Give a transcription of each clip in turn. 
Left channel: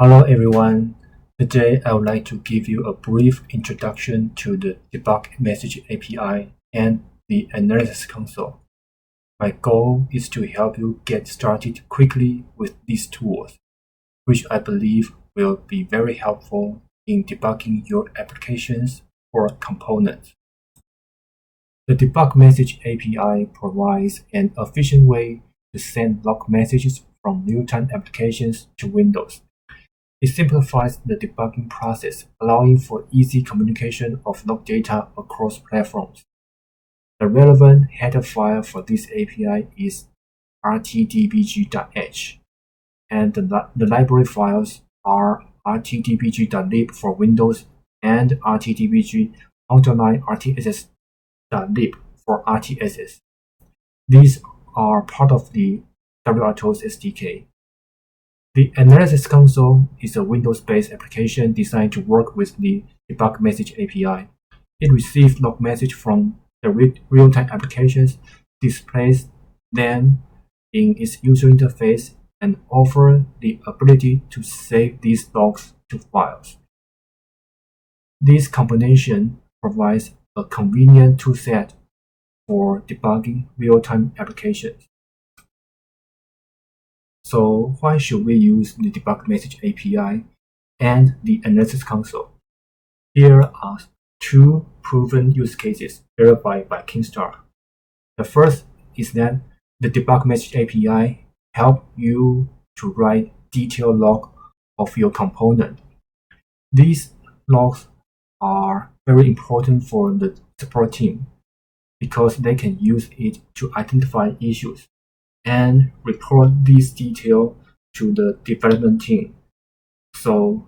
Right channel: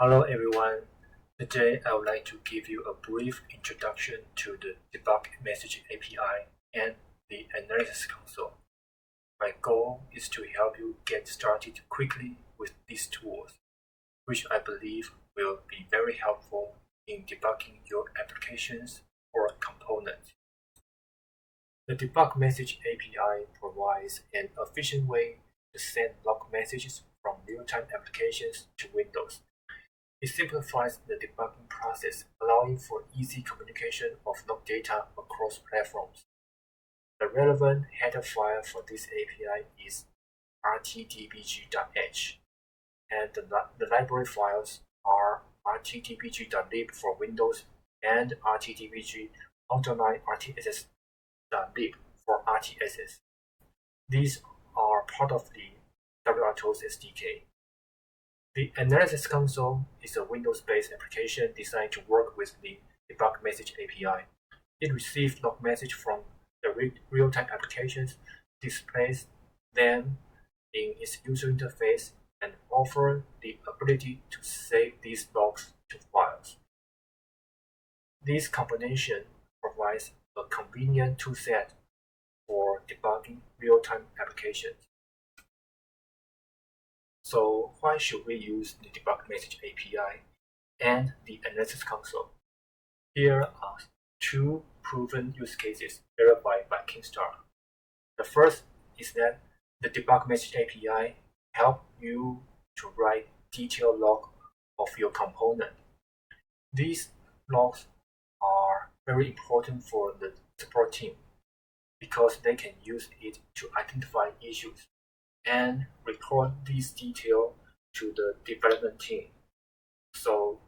Hello everyone. Today I would like to give you a brief introduction to the Debug Message API and the Analysis Console. My goal is to help you get started quickly with these tools, which I believe will be very helpful in debugging your applications or components. The Debug Message API provides an efficient way to send log messages from real-time applications to Windows. It simplifies the debugging process, allowing for easy communication of log data across platforms. The relevant header file for this API is rtdbg.h, and the library files are rtdbg.lib for Windows and rtdbg_rtss.lib for RTSS. These are part of the wRTOS SDK. The Analysis Console is a Windows-based application designed to work with the Debug Message API. It receives log messages from the real-time applications, displays them in its user interface, and offers the ability to save these logs to files. This combination provides a convenient toolset for debugging real-time applications. So why should we use the Debug Message API and the Analysis Console? Here are two proven use cases verified by Kingstar. The first is that the Debug Message API helps you to write detailed log of your component. These logs are very important for the support team because they can use it to identify issues and report these details to the development team, so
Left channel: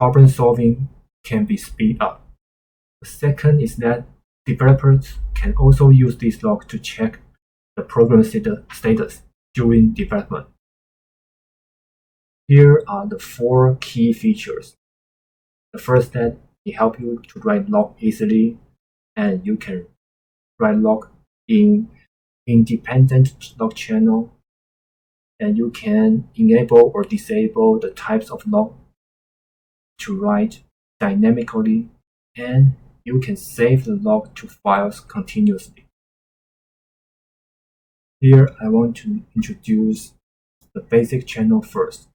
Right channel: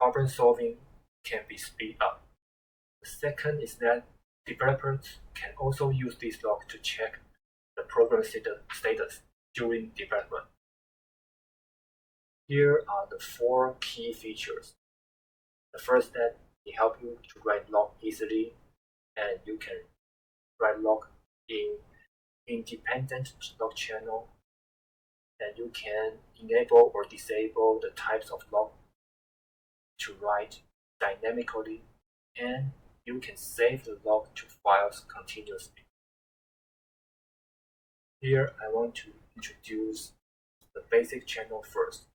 problem solving can be speed up. The second is that developers can also use this log to check the program status during development. Here are the four key features. The first, that it helps you to write log easily, and you can write log in independent log channel, and you can enable or disable the types of log to write dynamically, and you can save the log to files continuously. Here I want to introduce the basic channel first.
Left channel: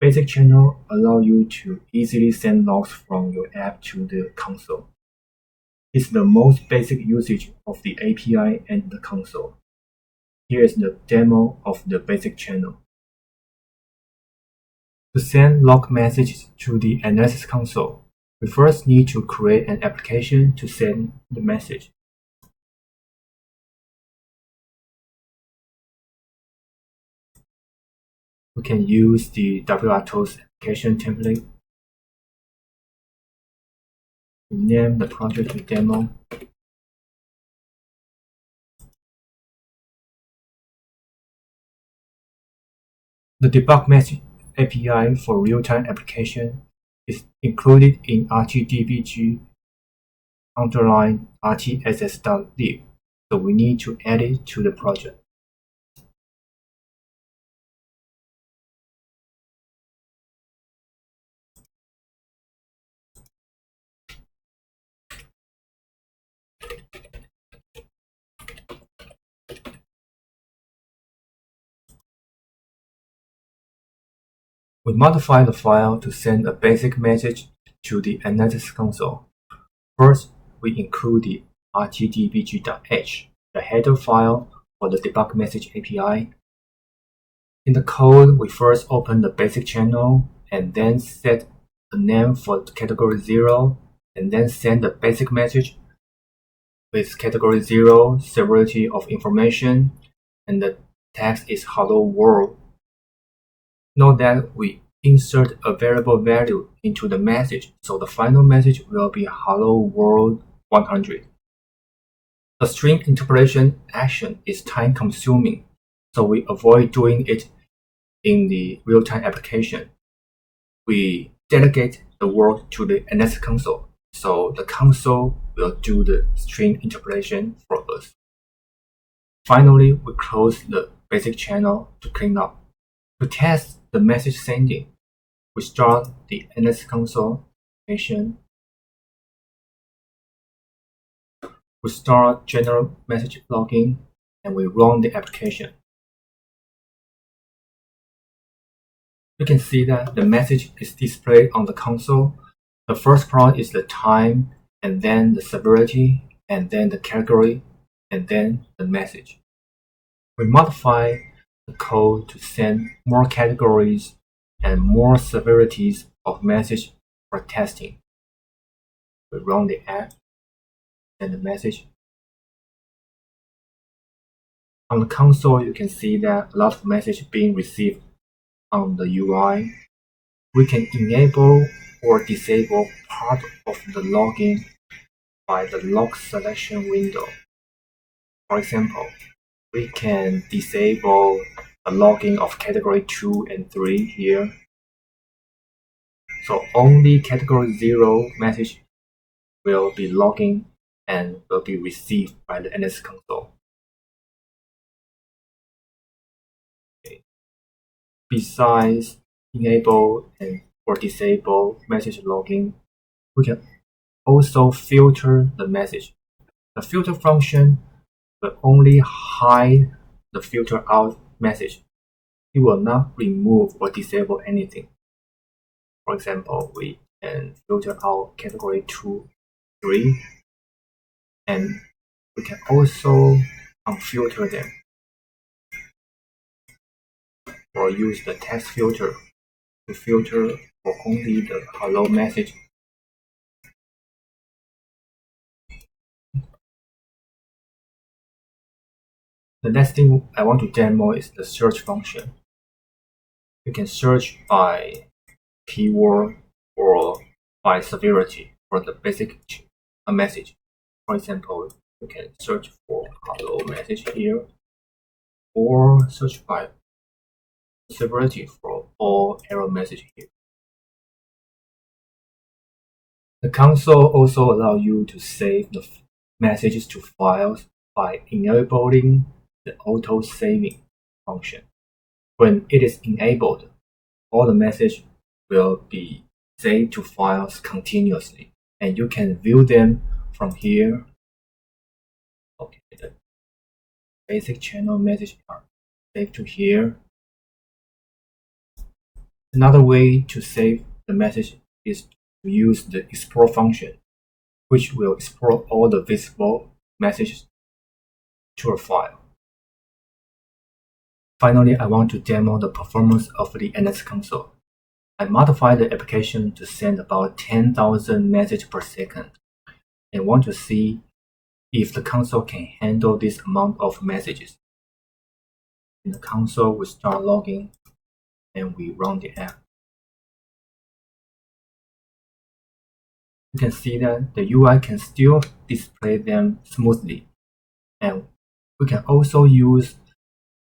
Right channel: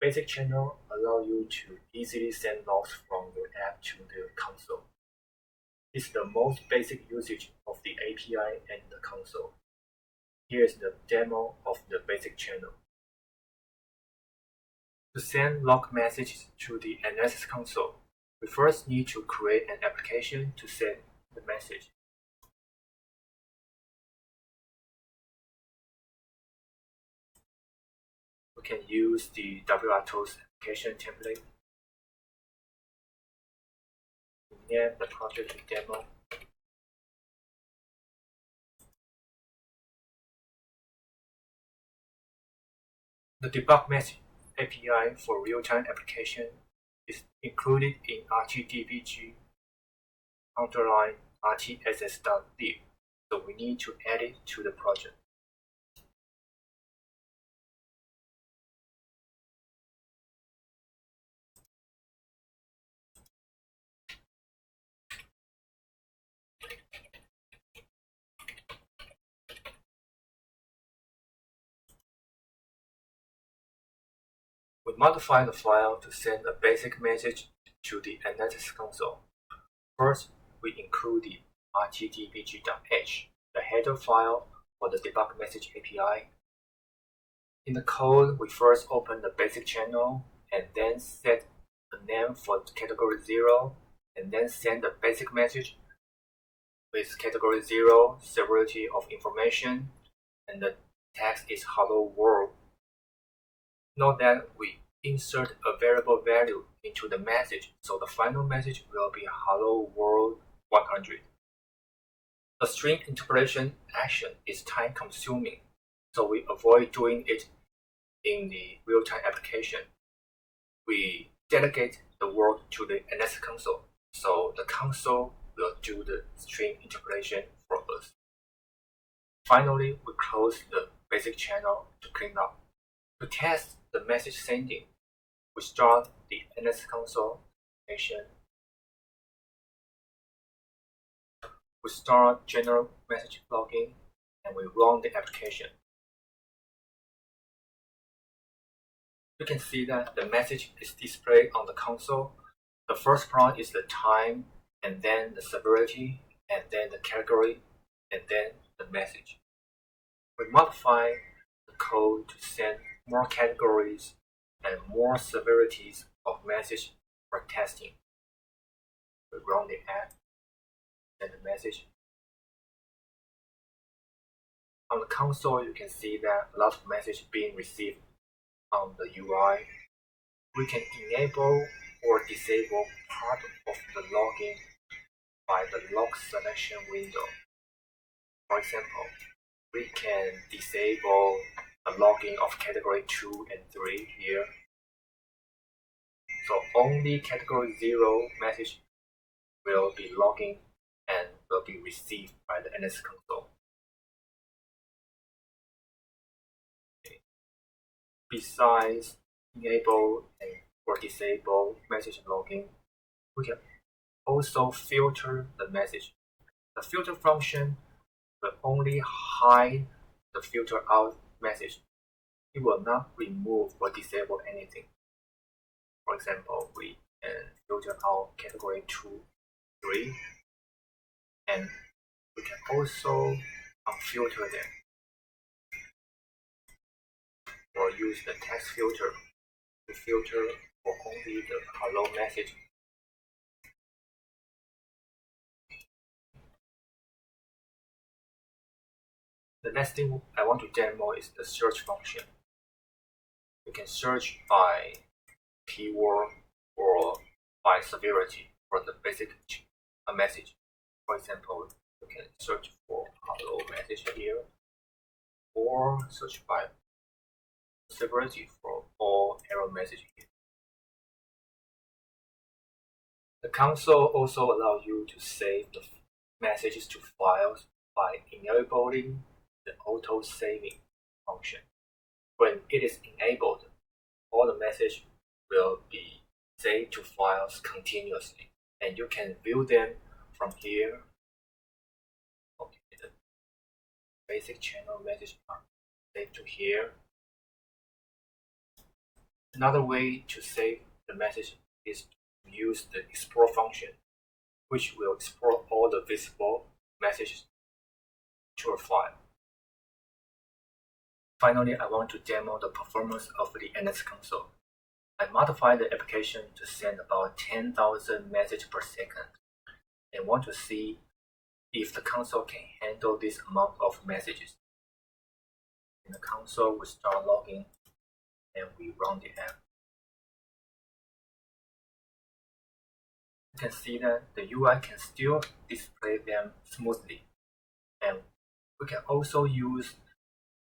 Basic channel allow you to easily send logs from your app to the console. It's the most basic usage of the API and the console. Here is the demo of the basic channel. To send log messages to the Analysis Console, we first need to create an application to send the message. We can use the wRTOS application template. Name the project to demo. The Debug Message API for real-time application is included in rtdbg_rtss.lib, so we need to add it to the project. We modify the file to send a basic message to the Analysis Console. First, we include the rtdbg.h, the header file for the Debug Message API. In the code, we first open the basic channel and then set a name for category 0, and then send the basic message with category 0, severity of information, and the text is hello world. Note that we insert a variable value into the message, so the final message will be hello world 100. The string interpolation action is time consuming, so we avoid doing it in the real-time application. We delegate the work to the Analysis Console, so the console will do the string interpolation for us. Finally, we close the basic channel to clean up. To test the message sending, We start the NS console application. We start general message logging and we run the application. You can see that the message is displayed on the console. The first part is the time, and then the severity, and then the category, and then the message. We modify the code to send more categories and more severities of message for testing. We run the app and the message. On the console, you can see that a lot of message being received on the UI. We can enable or disable part of the logging by the log selection window. For example, we can disable the logging of category 2 and 3 here. So only category 0 message will be logging and will be received by the NS console. Okay. Besides enable and or disable message logging, we can also filter the message. The filter function will only hide the filter out message. It will not remove or disable anything. For example, we can filter out category 2, 3, and we can also unfilter them or use the text filter to filter for only the hello message. The next thing I want to demo is the search function. You can search by keyword or by severity for the basic message. For example, you can search for hello message here, or search by severity for all error message here. The console also allows you to save the messages to files by enabling the auto saving function. When it is enabled, all the message will be saved to files continuously, and you can view them from here. Okay, the basic channel message are saved to here. Another way to save the message is to use the export function, which will export all the visible messages to a file. Finally, I want to demo the performance of the NS console. I modified the application to send about 10,000 messages per second and want to see if the console can handle this amount of messages. In the console, we start logging and we run the app. You can see that the UI can still display them smoothly, and we can also use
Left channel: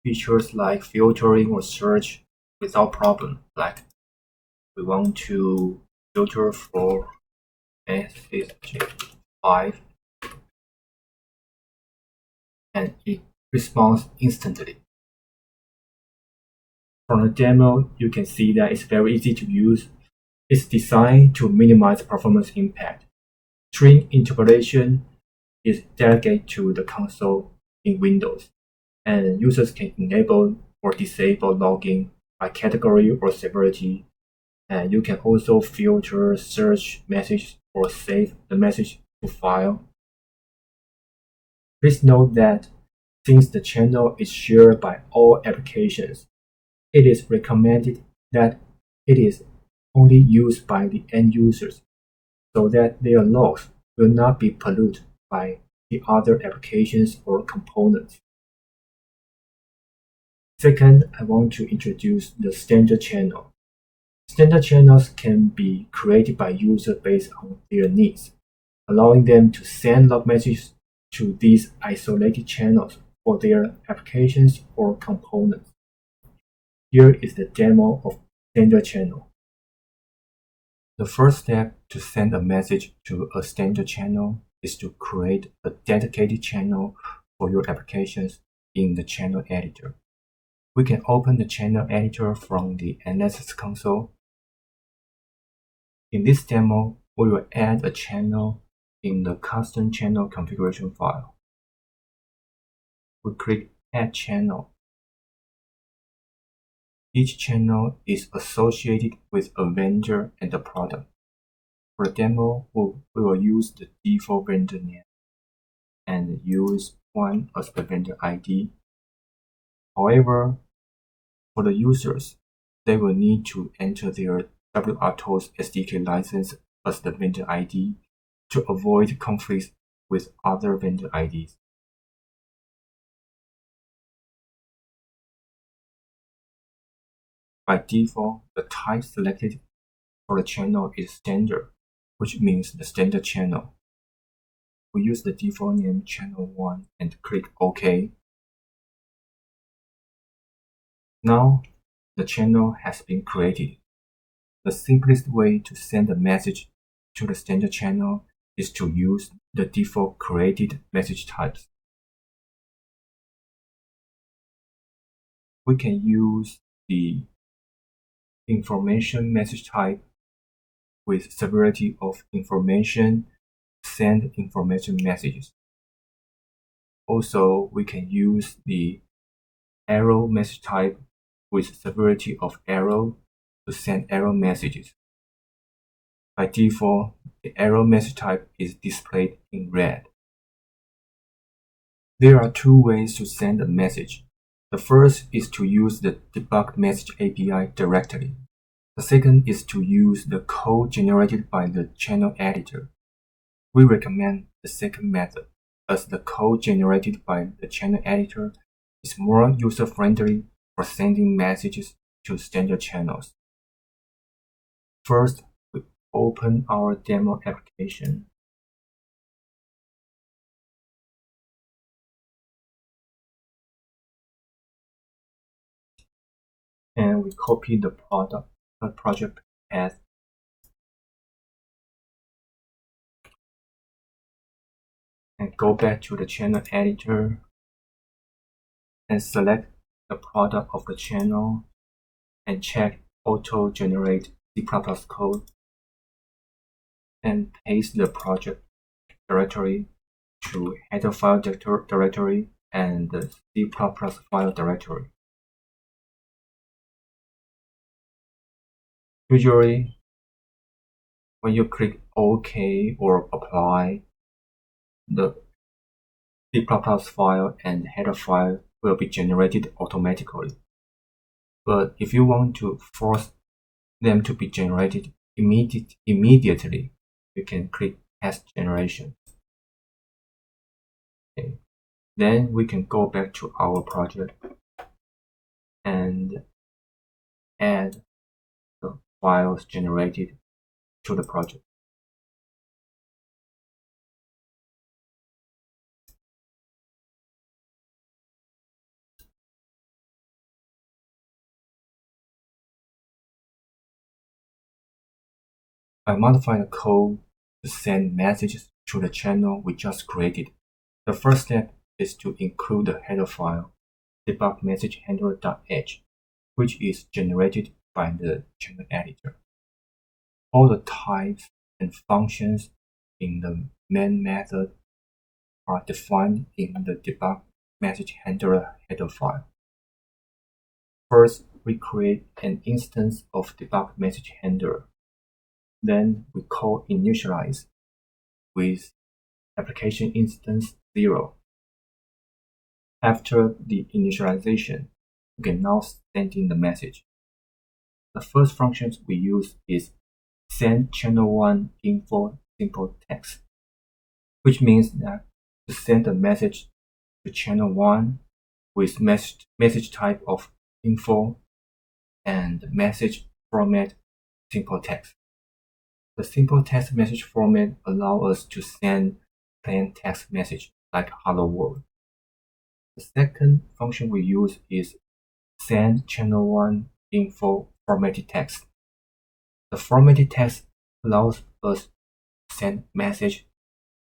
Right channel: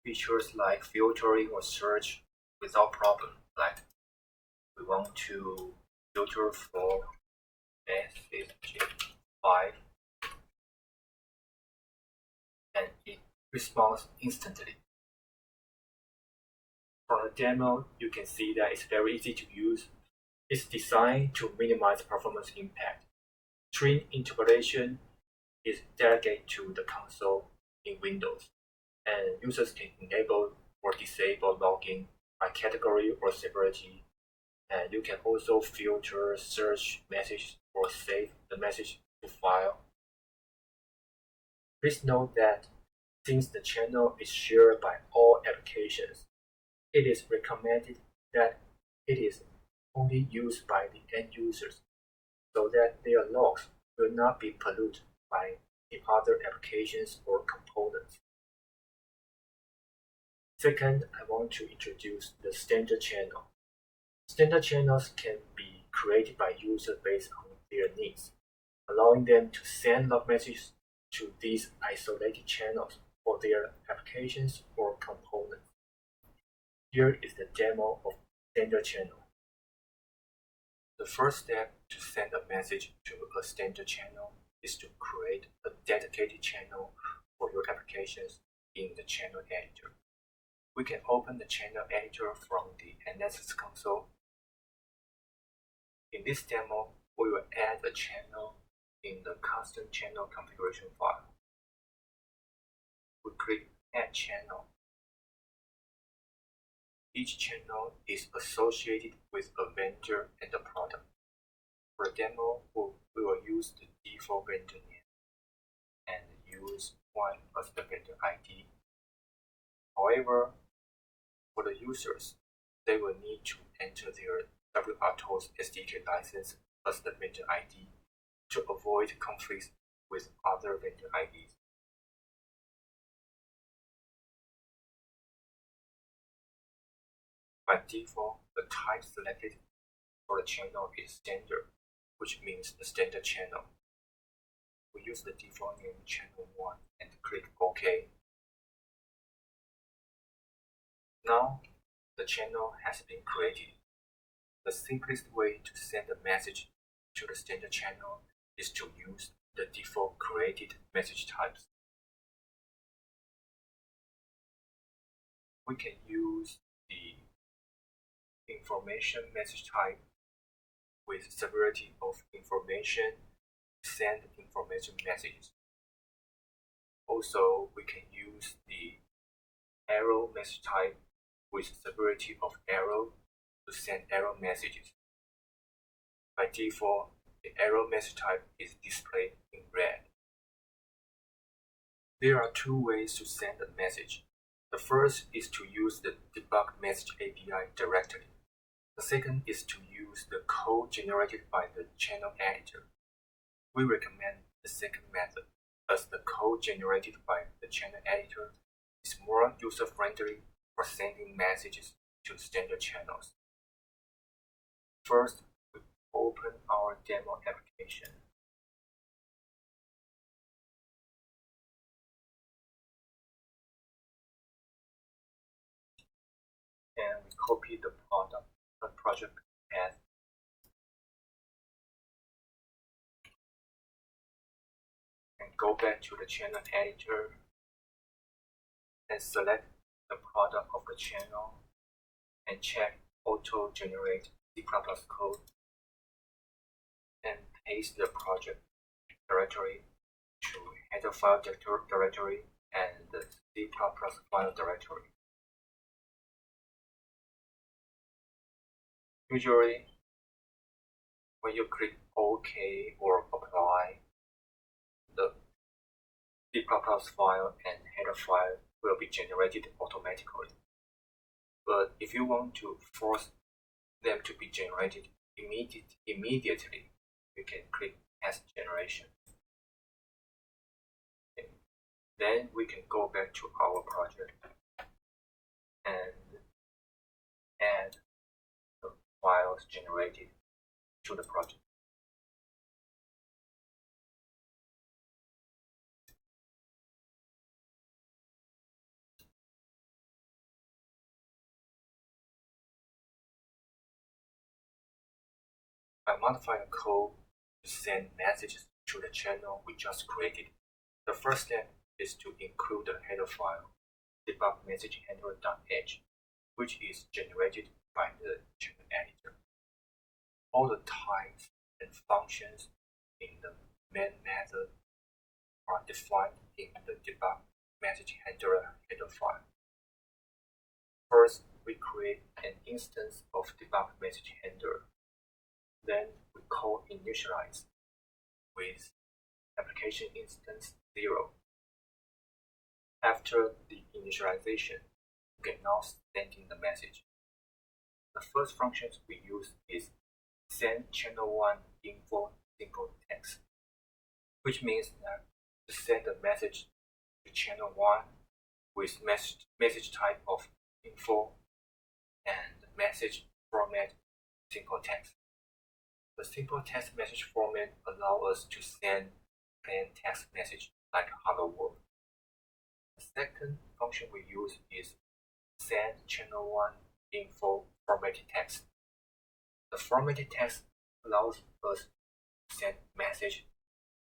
features like filtering or search without problem. Like we want to filter for message 5 and it responds instantly. From the demo, you can see that it's very easy to use. It's designed to minimize performance impact. String interpolation is delegated to the console in Windows, and users can enable or disable logging by category or severity. And you can also filter, search message, or save the message to file. Please note that since the channel is shared by all applications, it is recommended that it is only used by the end users so that their logs will not be polluted by the other applications or components. Second, I want to introduce the standard channel. Standard channels can be created by users based on their needs, allowing them to send log messages to these isolated channels for their applications or components. Here is the demo of standard channel. The first step to send a message to a standard channel is to create a dedicated channel for your applications in the channel editor. We can open the channel editor from the NS console. In this demo, we will add a channel in the custom channel configuration file. We click Add Channel. Each channel is associated with a vendor and a product. For the demo, we will use the default vendor name and use 1 as the vendor ID. However, for the users, they will need to enter their wRTOS SDK license as the vendor ID to avoid conflicts with other vendor IDs. By default, the type selected for the channel is standard, which means the standard channel. We use the default name channel 1 and click OK. Now, the channel has been created. The simplest way to send a message to the standard channel is to use the default created message types. We can use the information message type with severity of information, send information messages. Also, we can use the arrow message type with severity of arrow to send arrow messages. By default, the arrow message type is displayed in red. There are two ways to send a message. The first is to use the debug message API directly. The second is to use the code generated by the channel editor. We recommend the second method, as the code generated by the channel editor is more user-friendly for sending messages to standard channels. First, we open our demo application. And we copy the project path. And go back to the channel editor and select the product of the channel and check auto generate C++ code and paste the project directory to header file directory and the C++ file directory. Usually, when you click OK or Apply, the C++ file and header file will be generated automatically. But if you want to force them to be generated immediately, you can click Test Generation. Okay. Then we can go back to our project and add the files generated to the project. By modifying the code to send messages to the channel we just created, the first step is to include the header file debug message handler.h, which is generated by the channel editor. All the types and functions in the main method are defined in the debug message handler header file. First, we create an instance of debug message handler. Then we call initialize with application instance 0. After the initialization, we can now send in the message. The first function we use is send channel 1 info simple text, which means that to send a message to channel 1 with message type of info and message format simple text. The simple text message format allows us to send plain text message like hello world. The second function we use is send channel 1 info formatted text. The formatted text allows us to send message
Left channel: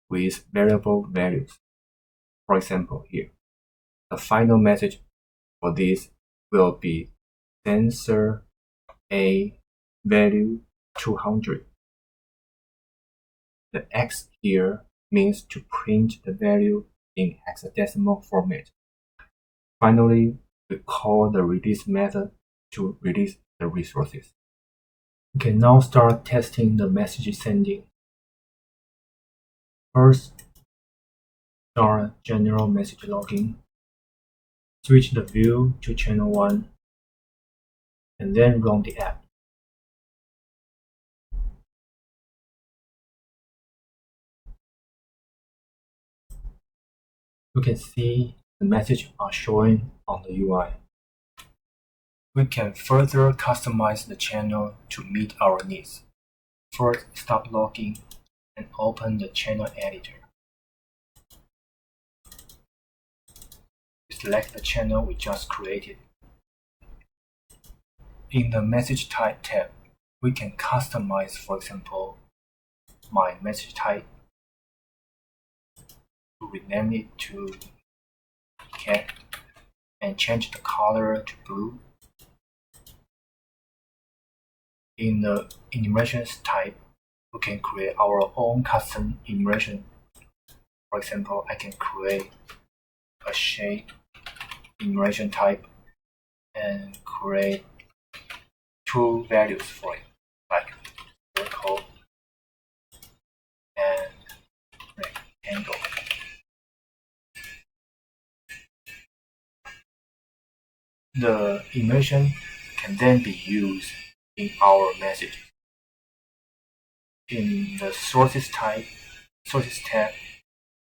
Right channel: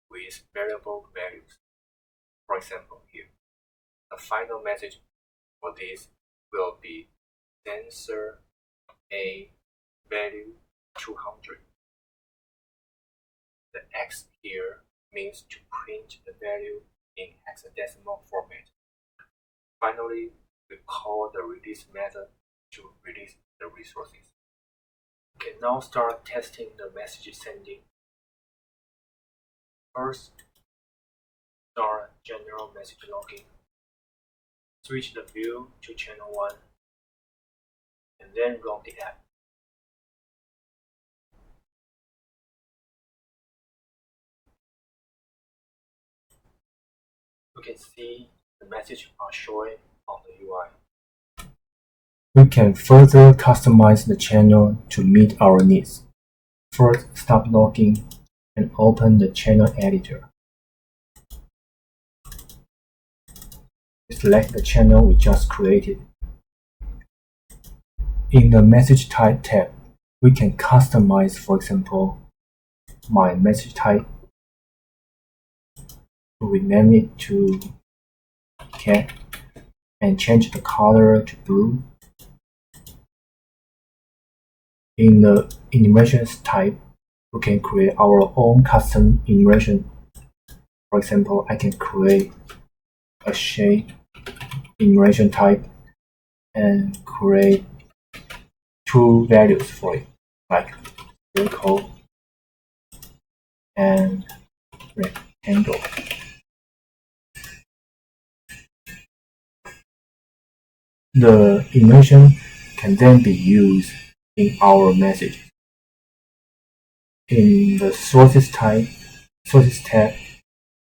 with variable values. For example, here, the final message for this will be sensor A value 200. The X here means to print the value in hexadecimal format. Finally, we call the release method to release the resources. We can now start testing the message sending. First, start general message logging. Switch the view to channel 1, and then run the app. You can see the messages are showing on the UI. We can further customize the channel to meet our needs. First, stop logging and open the channel editor. Select the channel we just created. In the message type tab, we can customize, for example, my message type, to rename it to cat and change the color to blue. In the enumerations type, we can create our own custom enumeration. For example, I can create a shape enumeration type and create 2 values for it, like circle and rectangle. The enumeration can then be used in our message. In the sources tab,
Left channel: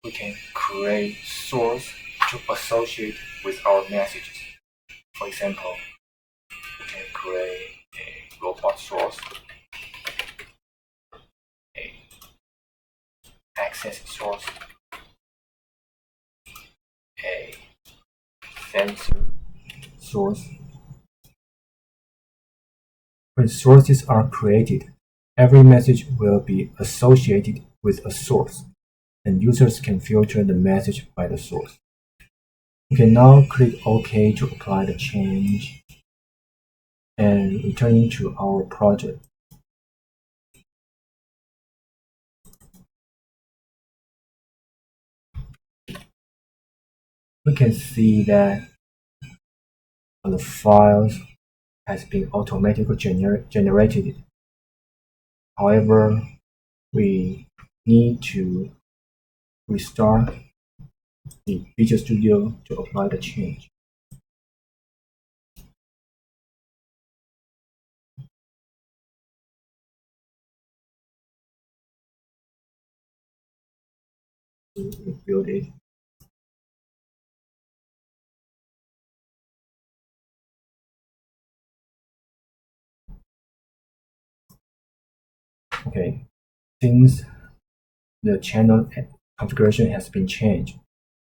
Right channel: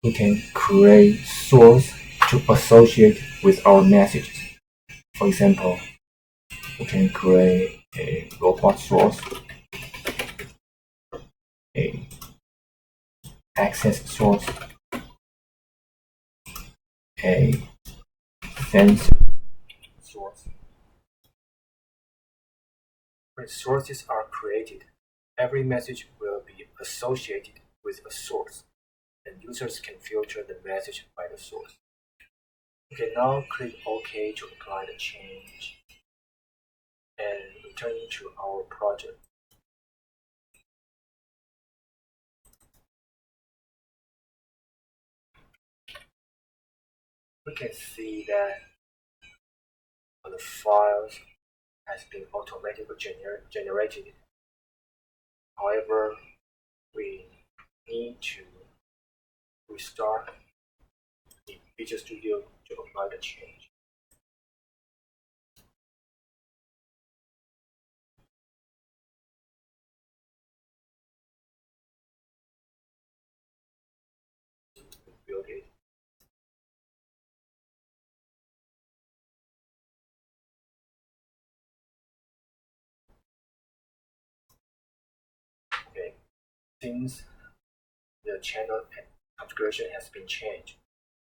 we can create source to associate with our messages. For example, we can create a robot source, a access source, a sensor source. When sources are created, every message will be associated with a source, and users can filter the message by the source. We can now click OK to apply the change and returning to our project. We can see that the files has been automatically generated. However, we need to restart the Visual Studio to apply the change. Rebuild it. Okay, since the channel configuration has been changed,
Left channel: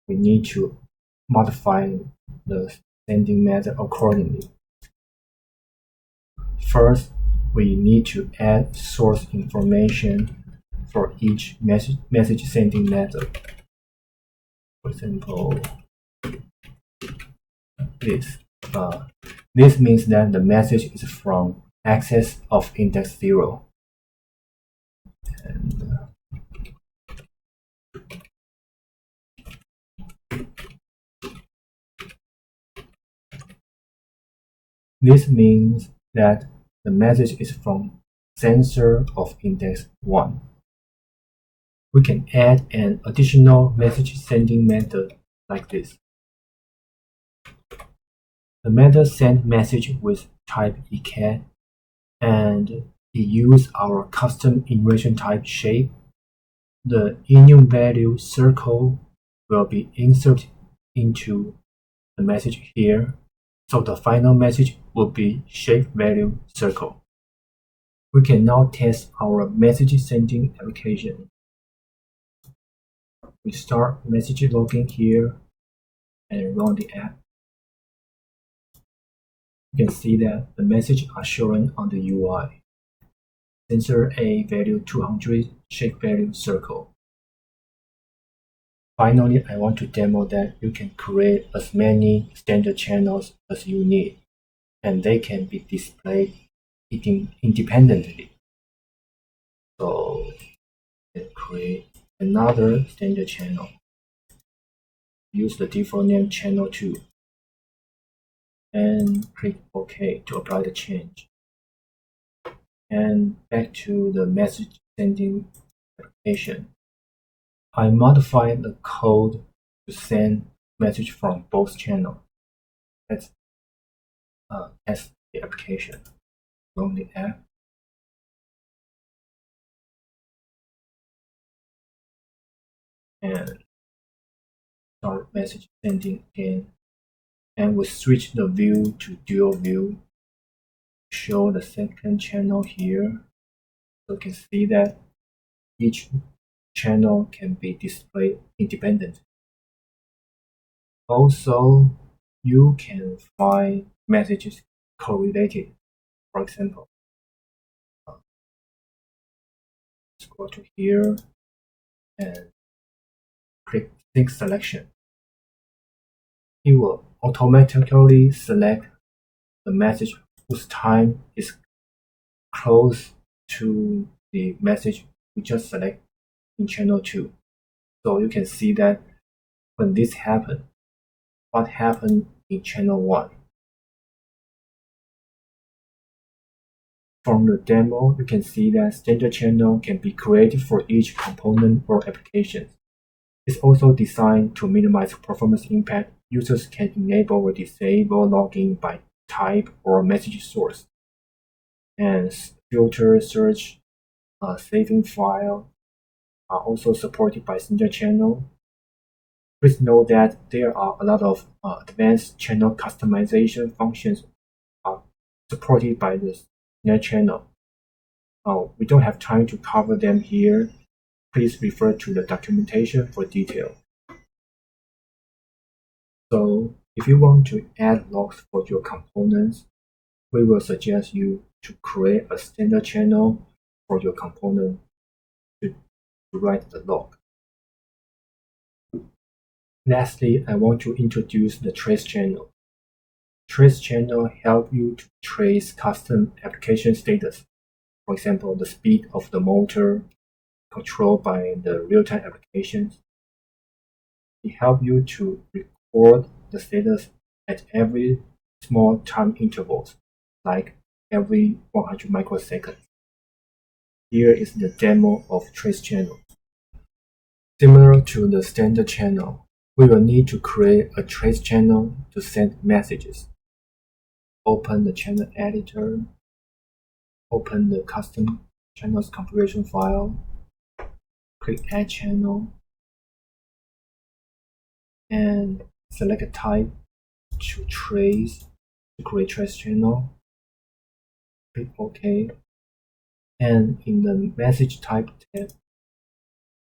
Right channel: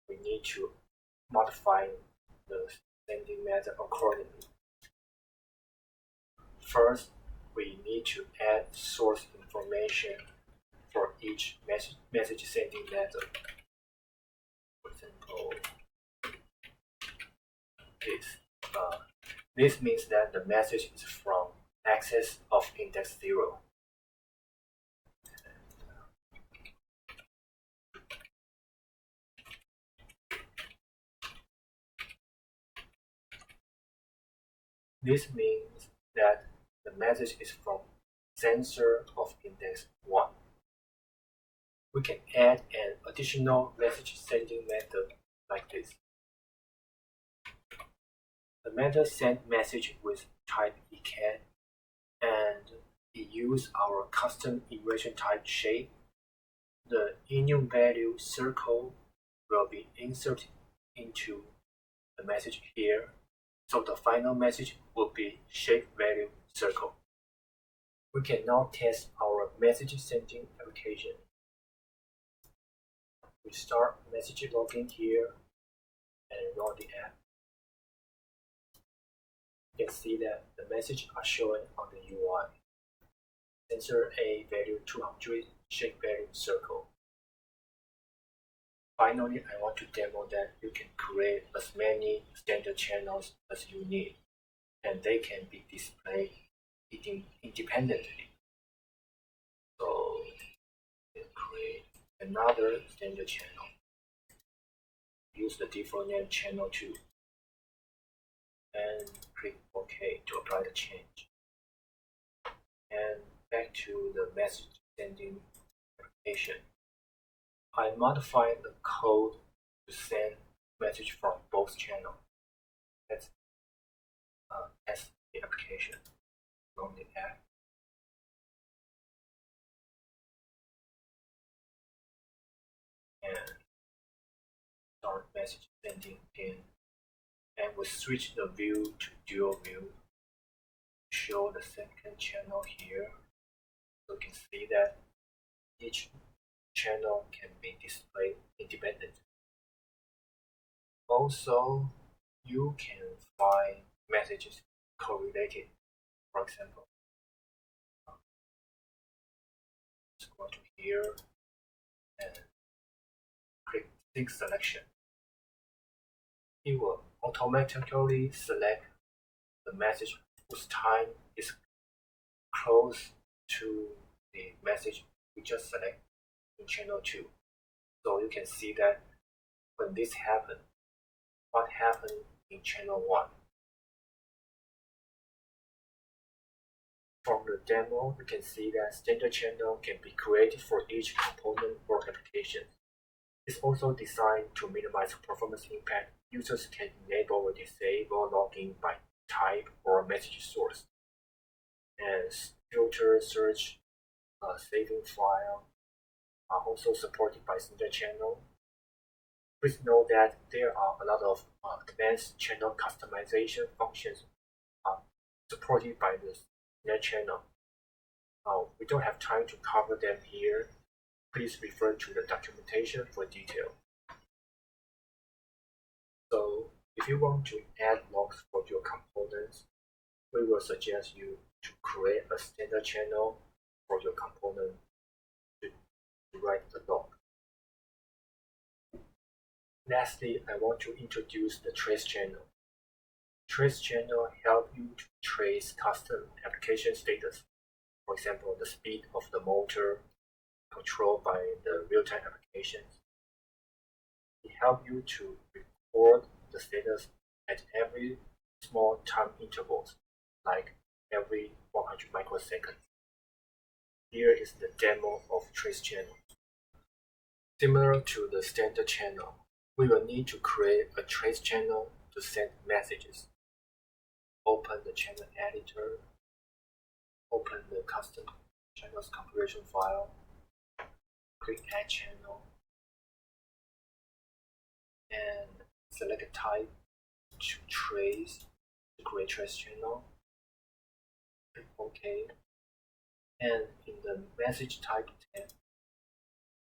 we need to modify the sending method accordingly. First, we need to add source information for each message sending method. For example, this. This means that the message is from access of index 0. And this means that the message is from sensor of index 1. We can add an additional message sending method like this. The method send message with type ecat, and it use our custom enumeration type shape. The enum value circle will be inserted into the message here, so the final message will be shape value circle. We can now test our message sending application. We start message logging here and run the app. You can see that the messages are shown on the UI. Sensor A value 200, shape value circle. Finally, I want to demo that you can create as many standard channels as you need, and they can be displayed independently. So, let's create another standard channel. Use the default name channel 2 and click OK to apply the change. And back to the message sending application. I modified the code to send message from both channels. Let's test the application. Run the app. And start message sending again. And we switch the view to dual view. Show the second channel here. So you can see that each channel can be displayed independently. Also, you can find messages correlated. For example, let's go to here and click sync selection. It will automatically select the message whose time is close to the message we just select in channel 2. So you can see that when this happened, what happened in channel 1. From the demo, you can see that standard channel can be created for each component or application. It's also designed to minimize performance impact. Users can enable or disable login by type or message source. And filter, search, saving file are also supported by standard channel. Please note that there are a lot of advanced channel customization functions supported by the standard channel. We don't have time to cover them here. Please refer to the documentation for detail. So if you want to add logs for your components, we will suggest you to create a standard channel for your component to write the log. Lastly, I want to introduce the trace channel. Trace channel help you to trace custom application status. For example, the speed of the motor controlled by the real-time applications. It helps you to record the status at every small time intervals, like every 100 microseconds. Here is the demo of trace channel. Similar to the standard channel, we will need to create a trace channel to send messages. Open the channel editor, open the custom channels configuration file, click add channel, and select a type to trace to create trace channel. Click OK. And in the message type tab,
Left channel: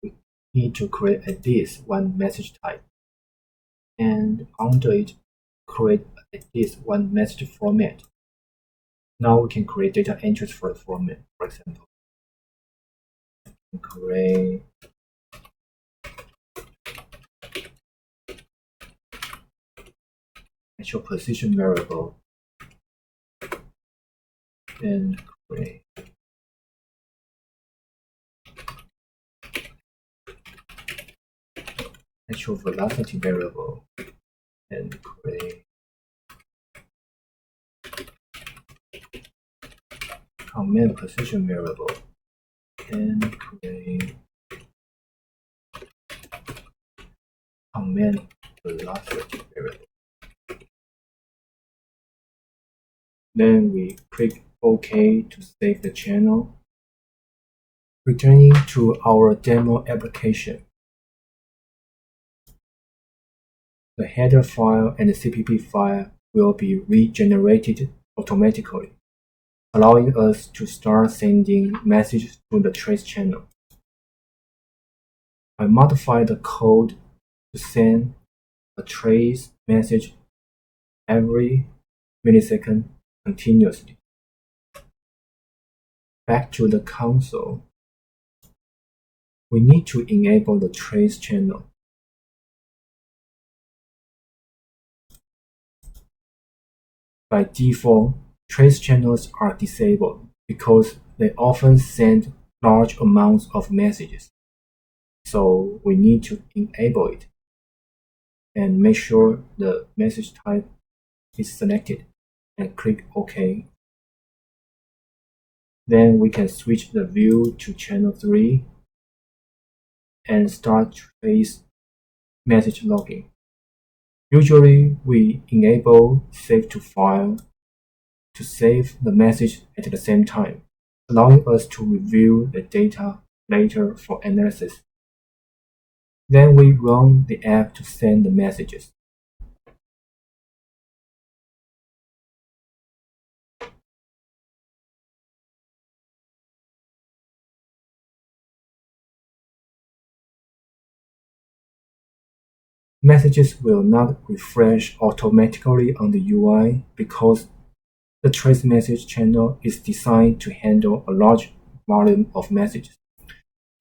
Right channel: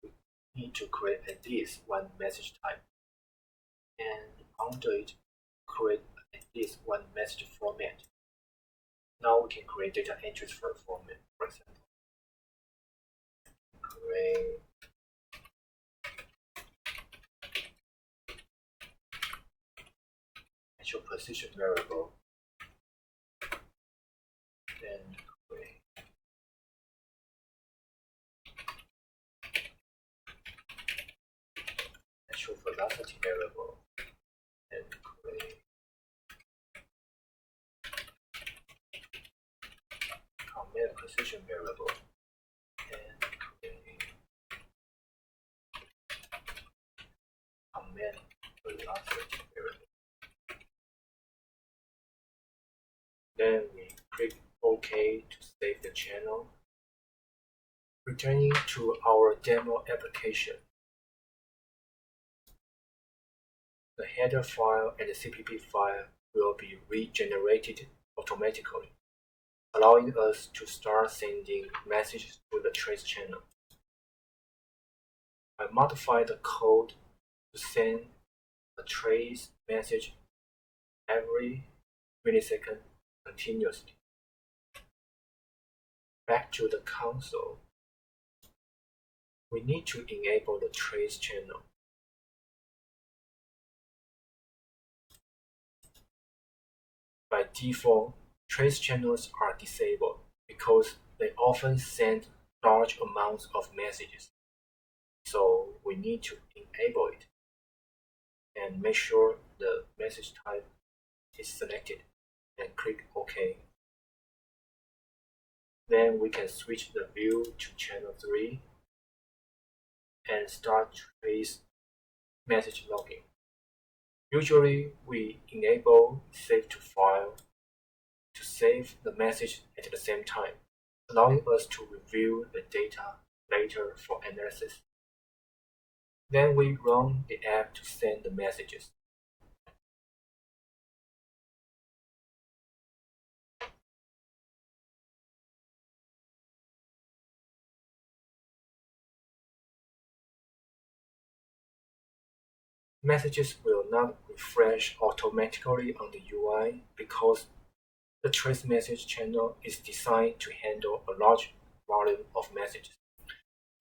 we need to create at least one message type. And under it, create at least one message format. Now we can create data entries for the format. For example, create actual position variable and create actual velocity variable and create command position variable and create command velocity variable. Then we click OK to save the channel. Returning to our demo application, the header file and the CPP file will be regenerated automatically, allowing us to start sending messages to the trace channel. I modified the code to send a trace message every millisecond continuously. Back to the console, we need to enable the trace channel. By default, trace channels are disabled because they often send large amounts of messages. so we need to enable it and make sure the message type is selected and click OK. Then we can switch the view to channel 3 and start trace message logging. Usually, we enable save to file to save the message at the same time, allowing us to review the data later for analysis. Then we run the app to send the messages. Messages will not refresh automatically on the UI because the trace message channel is designed to handle a large volume of messages.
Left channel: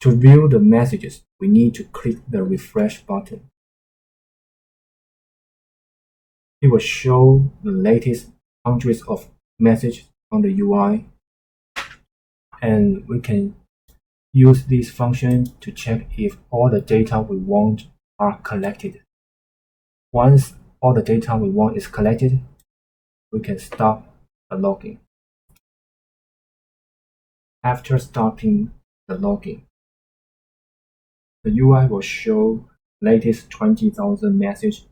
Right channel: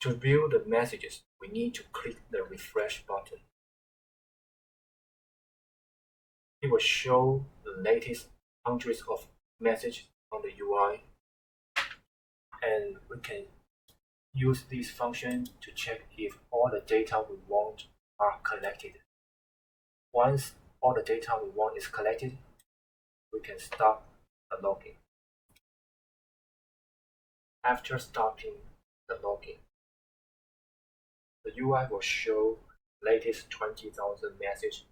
To view the messages, we need to click the refresh button. It will show the latest hundreds of messages on the UI, and we can use this function to check if all the data we want are collected. Once all the data we want is collected, we can stop the logging. After stopping the logging, the UI will show latest 20,000 messages.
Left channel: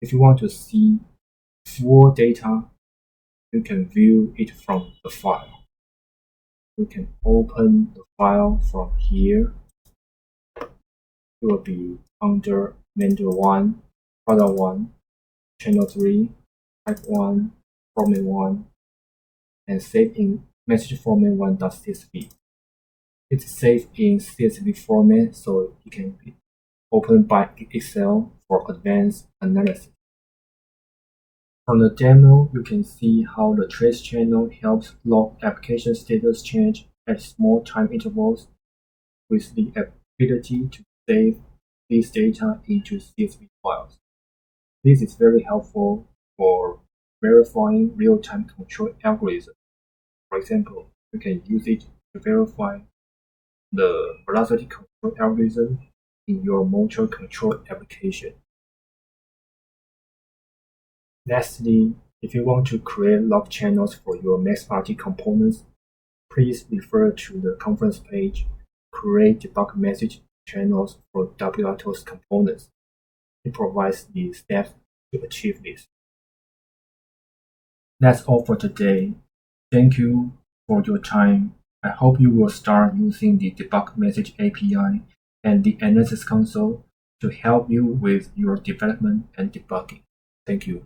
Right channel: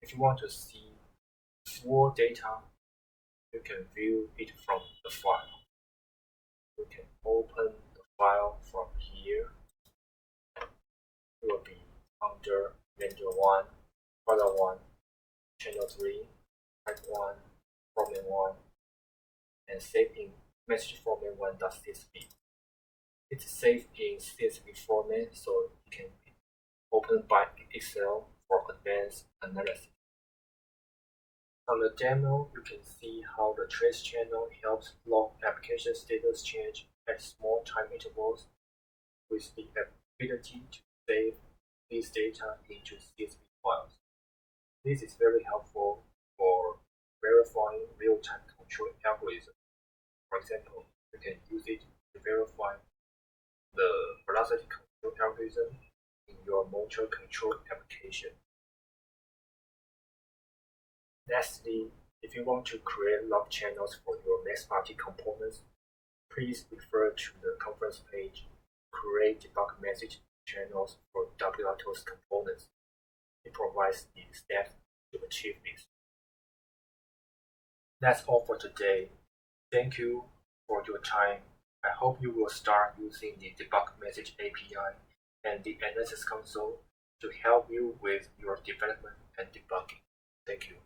If you want to see full data, you can view it from the file. You can open the file from here. It will be under vendor 1, product 1, channel 3, type 1, format 1, and save in message format 1.csv. It's saved in CSV format, so it can be opened by Excel for advanced analysis. From the demo, you can see how the trace channel helps log application status change at small time intervals with the ability to save this data into CSV files. This is very helpful for verifying real-time control algorithms. For example, you can use it to verify the velocity control algorithm in your motor control application. Lastly, if you want to create log channels for your MaxRT components, please refer to the conference page, create debug message channels for wRTOS components. It provides the steps to achieve this. That's all for today. Thank you for your time. I hope you will start using the debug message API and the analysis console to help you with your development and debugging. Thank you.